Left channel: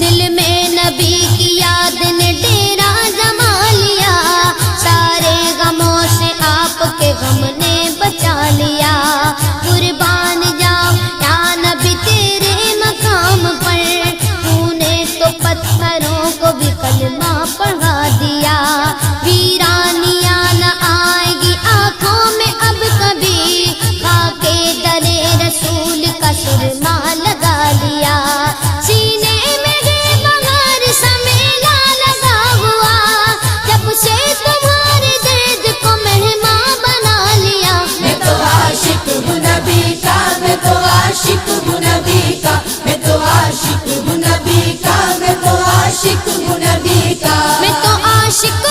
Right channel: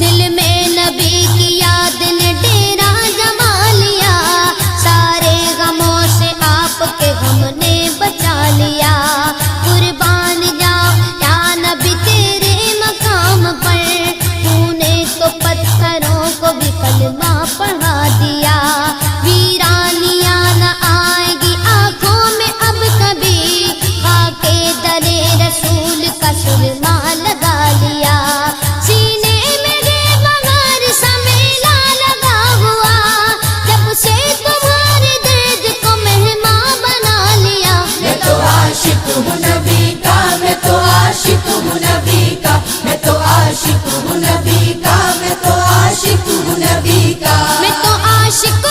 دل میں نبی کی یاد نے ڈیرا جما لیا، سارے غموں سے آپ کے غم نے بچا لیا۔ قربان جاؤ یا نبی تیرے مقام پر، تو نے تو پتھروں کو بھی کلمہ پڑھا دیا۔ ویرانیاں نہ آئے گی آنکھوں میں اب کبھی، خاک درِ رسول کا سرما لگا لیا۔ سینے میں گے بغیر سا میلہ لگا ہوا، جب سے تمہارے درد کو مہمان بنا لیا۔ میں تو عاشق ہوں نبی کا، میں تو عاشق ہوں نبی کا، میں تو عاشق ہوں نبی کا، میں تو عاشق ہوں نبی کا، میں تو عاشق